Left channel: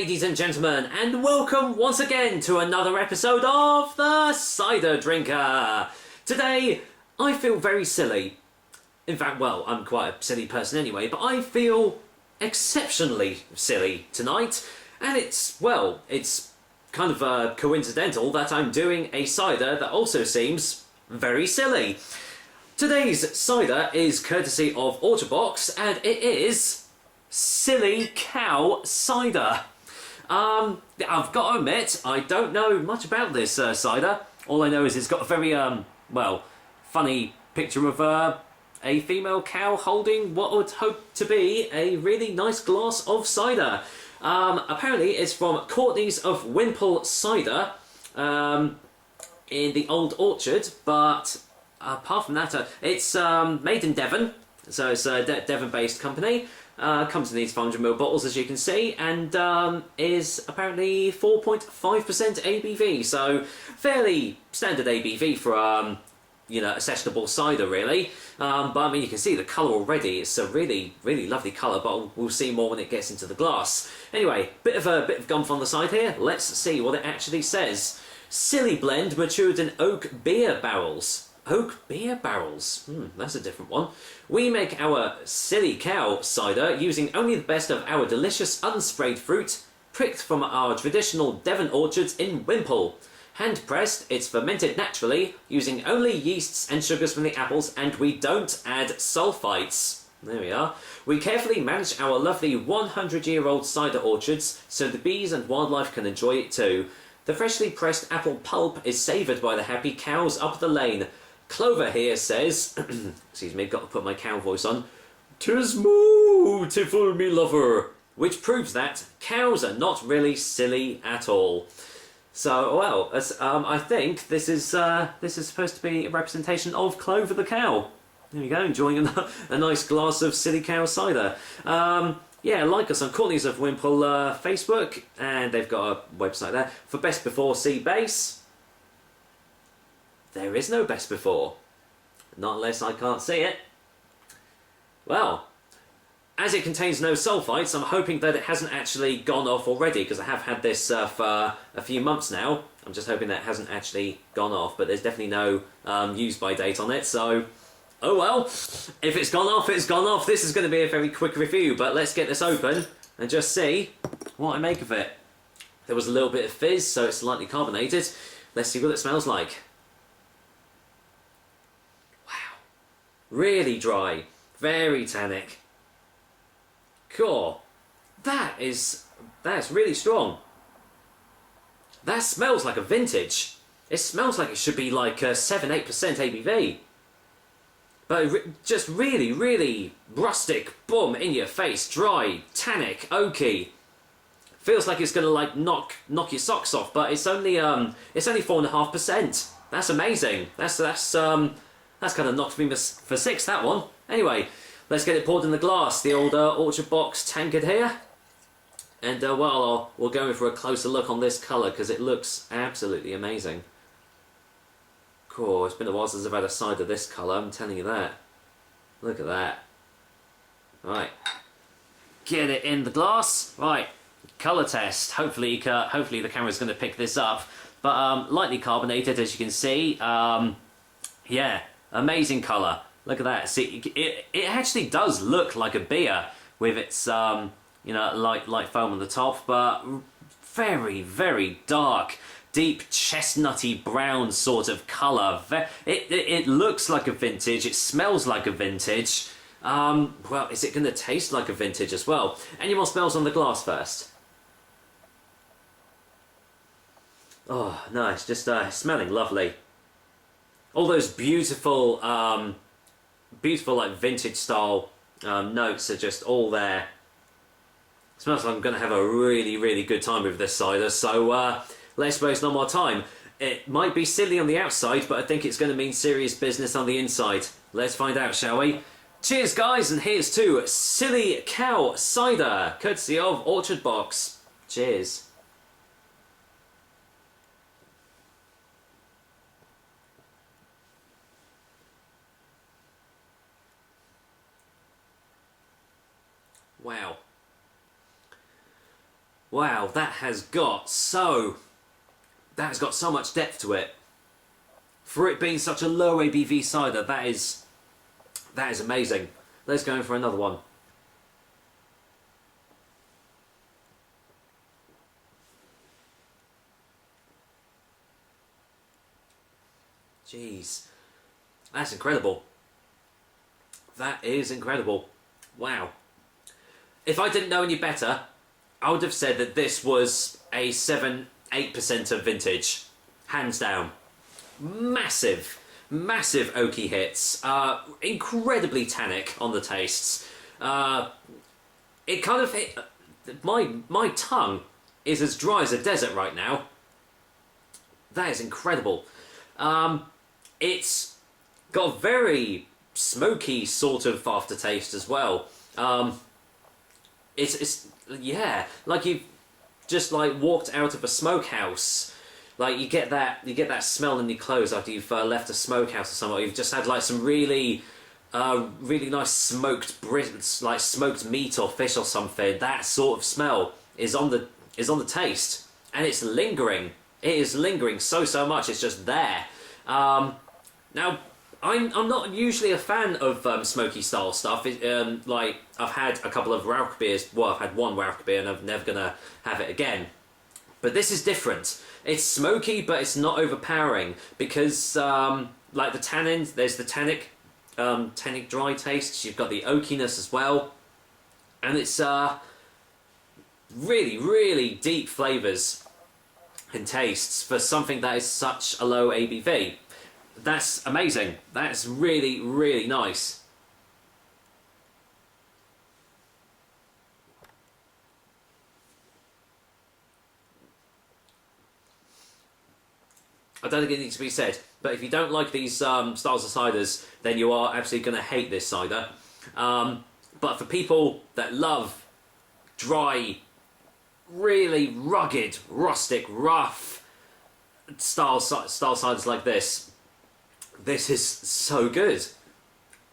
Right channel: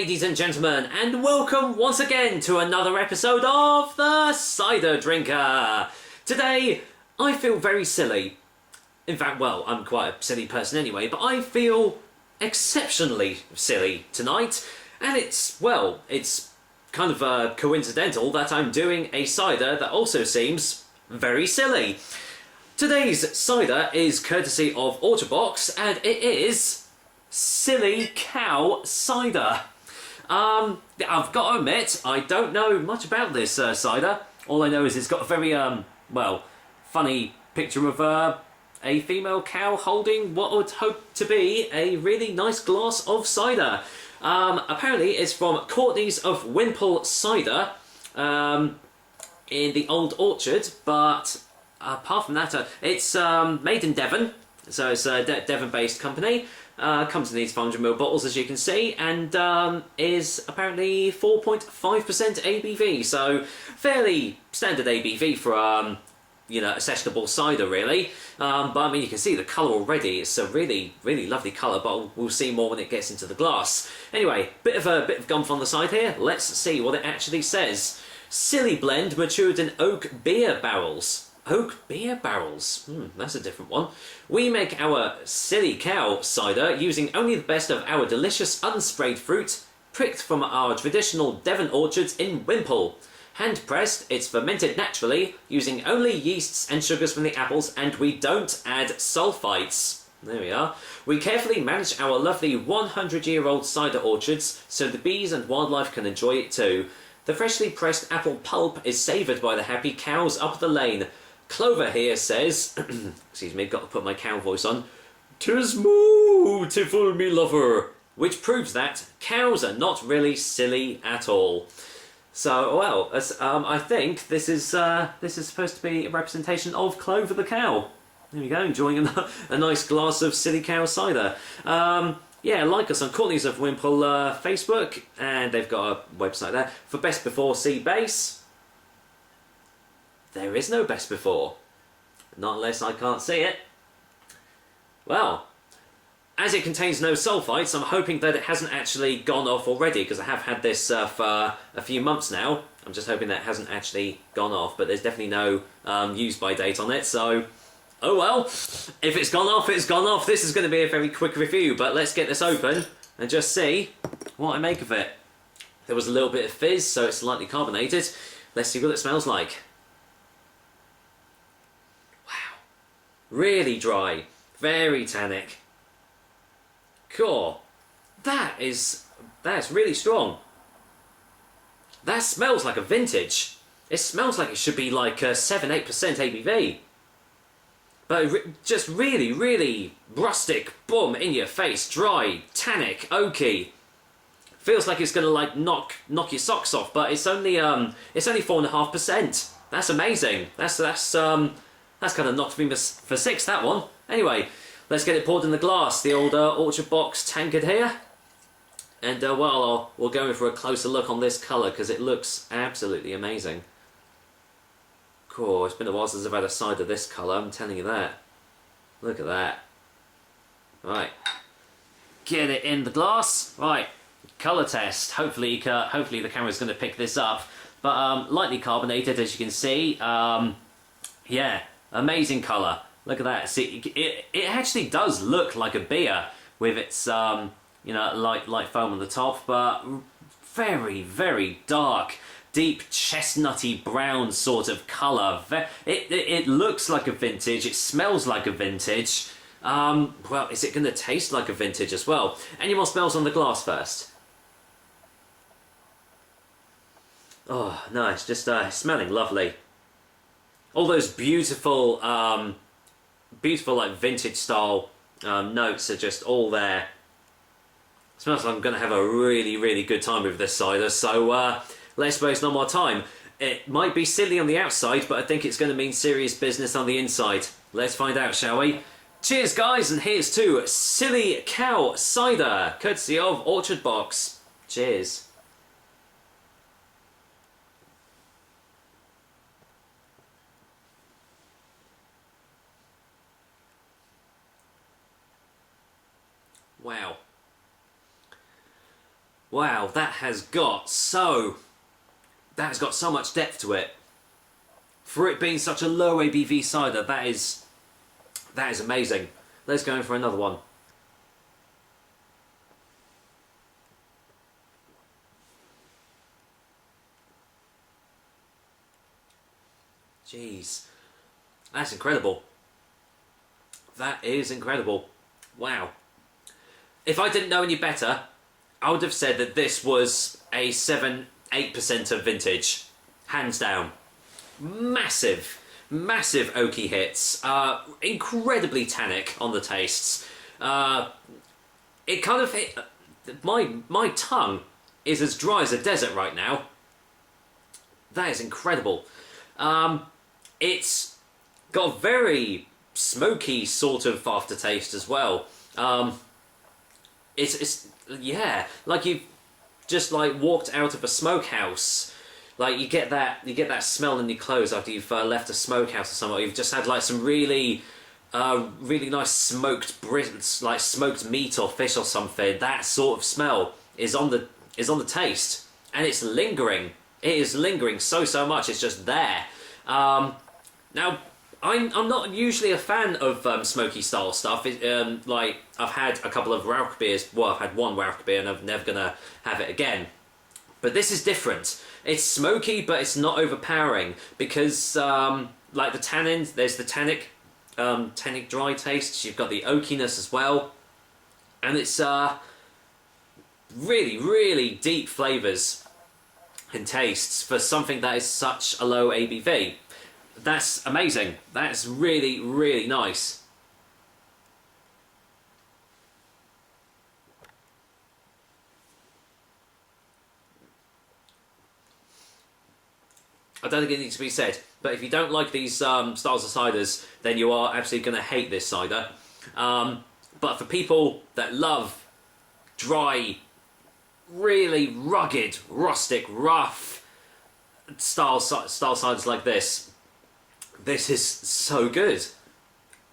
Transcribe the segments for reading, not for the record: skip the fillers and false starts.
ladies and gentlemen, and welcome once again to another episode of The Cider Drinker. Today, I feel very silly. In fact, well, I'm quite a silly person anyway, but I feel exceptionally silly tonight, and it's kind of coincidental that I'm doing a cider that also seems very silly. Today's cider is courtesy of Orchard Box, and it is Silly Cow Cider. I've got to admit, I don't know much about this cider. All I know is it's got a very, funny picture of a female cow holding what would hope to be a really nice glass of cider. Apparently it's from Courtney's of Wimpole Cider in the Old Orchard, but apart from that, it's made in Devon, so it's a Devon-based company. Comes in these 500ml bottles, as you can see, and is apparently 4.5% ABV, so fairly standard ABV for a sessionable cider, really. But I mean, you can see the colour already. It's a really, really lovely colour, but we'll see more when it gets into the glass. Anyway, bit of gumph on the side here. Let's see what it actually says. Silly blend matured in oak beer barrels. Oak beer barrels. That's a different one. We make our Silly Cow cider using only the best of our delicious unsprayed fruit, pricked from our traditional Devon orchards in Wimpole. Hand pressed, it's fermented naturally, using only yeasts and sugars from the apples, and we don't add sulfites. There we are. We carefully manage our lovely 100-year-old cider orchards so the bees and wildlife can enjoy it too. The freshly pressed apple pulp is savoured by the happy cows up the lane. Clover here says, excuse me, got to put my cow voice on, "'Tis mootiful, me lover," which proves that cows are not really silly at all. So, well, I think this is supposed to be a representation of Clover the cow. There we go, enjoying a nice glass of Silly Cow cider. Yeah, like us on Courtney's of Wimpole Facebook, and they've got a website there. For Best Before, see base. There is no best before. Not unless I can't see it. Well, as it contains no sulfites, I'm hoping that it hasn't actually gone off already, because I have had this for a few months now. I'm just hoping that it hasn't actually gone off, but there's definitely no use-by date on it, so oh well. If it's gone off, it's gone off. This is going to be a very quick review, but let's get this open and just see what I make of it. There was a little bit of fizz, so it's slightly carbonated. Let's see what it smells like. Really dry, very tannic. Cool. That's really strong. That smells like a vintage. It smells like it should be like 7-8% ABV. But just really, really rustic, boom, in your face, dry, tannic, oaky. Feels like it's gonna like knock your socks off, but it's only 4.5%. That's amazing. That's kind of knocked me for six, that one. Anyway, let's get it poured in the glass. The old Orchard Box tankard here. And, we'll go in for a closer look on this colour, because it looks absolutely amazing. Cool, it's been a while since I've had a cider this colour, I'm telling you that. Look at that. Right. Get it in the glass. Right, colour test. Hopefully the camera's going to pick this up. But, lightly carbonated, as you can see. Yeah. Amazing colour. Look at that. See, it actually does look like a beer with its, light foam on the top, but very, very dark, deep chestnutty brown sort of colour. It looks like a vintage. It smells like a vintage. Well, is it going to taste like a vintage as well? Any more smells on the glass first? Oh, nice. Just smelling lovely. All those beautiful like vintage style notes are just all there. Smells like I'm going to have a really, really good time with this cider. So let's waste no more time. It might be silly on the outside, but I think it's going to mean serious business on the inside. Let's find out, shall we? Cheers, guys, and here's to Silly Cow Cider, courtesy of Orchard Box. Cheers. Wow. Wow, that has got so much depth to it. For it being such a low ABV cider, that is amazing. Let's go in for another one. Jeez, that's incredible. That is incredible. Wow. If I didn't know any better, I would have said that this was a 7-8% of vintage. Hands down. Massive oaky hits. Incredibly tannic on the tastes. It kind of hit... My tongue is as dry as a desert right now. That is incredible. It's got a very smoky sort of aftertaste as well. It's yeah, like you've just like walked out of a smokehouse. Like you get that smell in your clothes after you've left a smokehouse or somewhere. You've just had like some really nice smoked meat or fish or something. That sort of smell is on the taste, and it's lingering. It is lingering so much. It's just there. Now, I'm not usually a fan of smoky style stuff. Like I've had a couple of Rauch beers. Well, I've had one Rauch beer, and I'm never gonna have it again. But this is different. It's smoky, but it's not overpowering because, like the tannins, there's the tannic dry taste. You've got the oakiness as well, and it's really deep flavors and tastes for something that is such a low ABV. That's amazing. That's really nice. I don't think it needs to be said, but if you don't like these styles of ciders, then you are absolutely going to hate this cider. But for people that love dry, really rugged, rustic, rough style ciders like this is so good.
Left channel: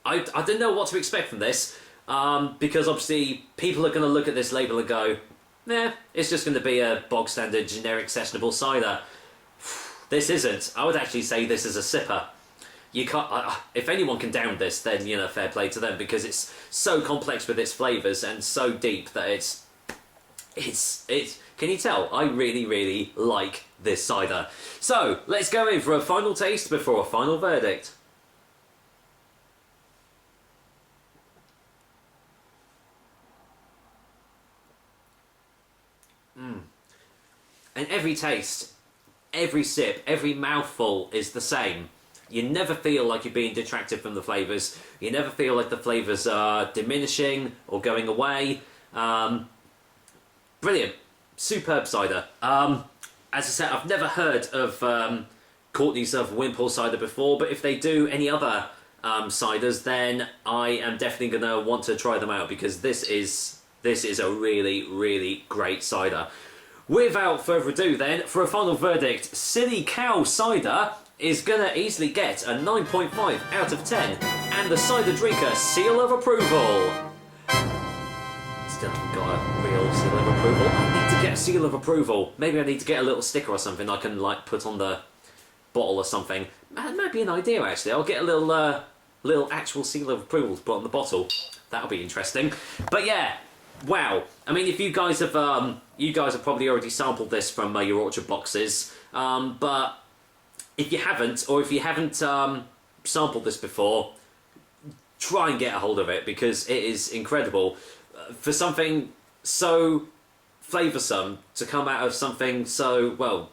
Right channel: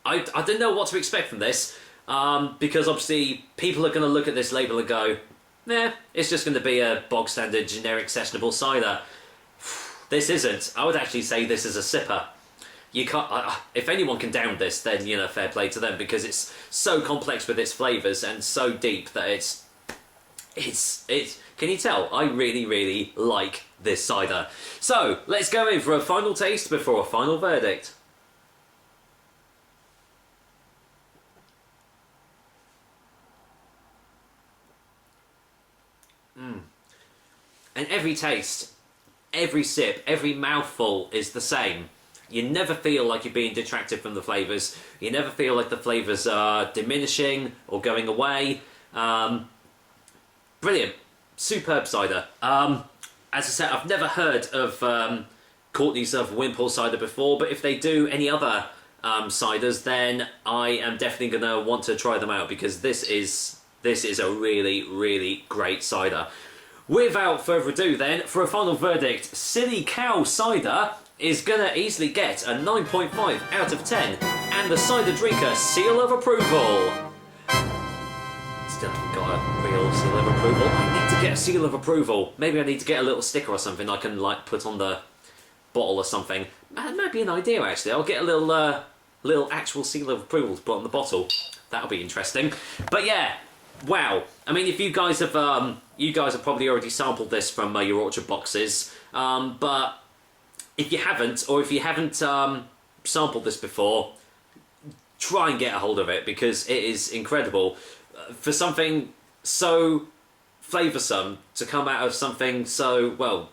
I didn't know what to expect from this, because obviously people are going to look at this label and go, nah, it's just going to be a bog standard generic sessionable cider. This isn't. I would actually say this is a sipper. You can't. If anyone can down this, then fair play to them, because it's so complex with its flavors and so deep that it's. Can you tell? I really like this cider. So let's go in for a final taste before a final verdict. And every taste, every sip, every mouthful is the same. You never feel like you're being detracted from the flavours. You never feel like the flavours are diminishing or going away. Brilliant. Superb cider. As I said, I've never heard of Courtney's of Wimpole cider before, but if they do any other ciders, then I am definitely going to want to try them out, because this is a really great cider. Without further ado then, for a final verdict, Silly Cow Cider is going to easily get a 9.5 out of 10, and the cider drinker seal of approval. Still haven't got a real seal of approval. I need to get a seal of approval. Maybe I need to get a little sticker or something I can like put on the bottle or something. That might be an idea actually. I'll get a little actual seal of approval to put on the bottle. That'll be interesting. But yeah, wow. I mean, if you guys have probably already sampled this from your orchard boxes, but if you haven't, or if you haven't sampled this before, try and get a hold of it, because it is incredible. For something so flavoursome to come out of something so, well,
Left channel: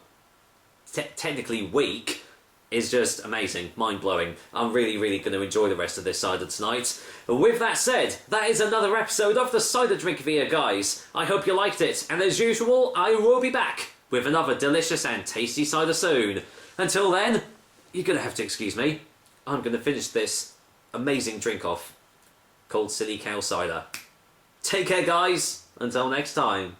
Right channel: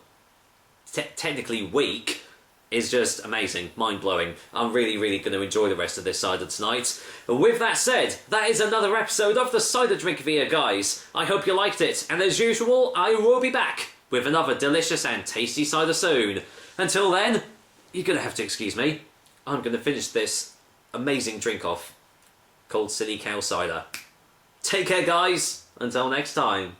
technically weak is just amazing, mind-blowing. I'm really going to enjoy the rest of this cider tonight. With that said, that is another episode of the Cider Drink Via, guys. I hope you liked it, and as usual, I will be back with another delicious and tasty cider soon. Until then, you're going to have to excuse me. I'm going to finish this amazing drink off called Silly Cow Cider. Take care, guys. Until next time.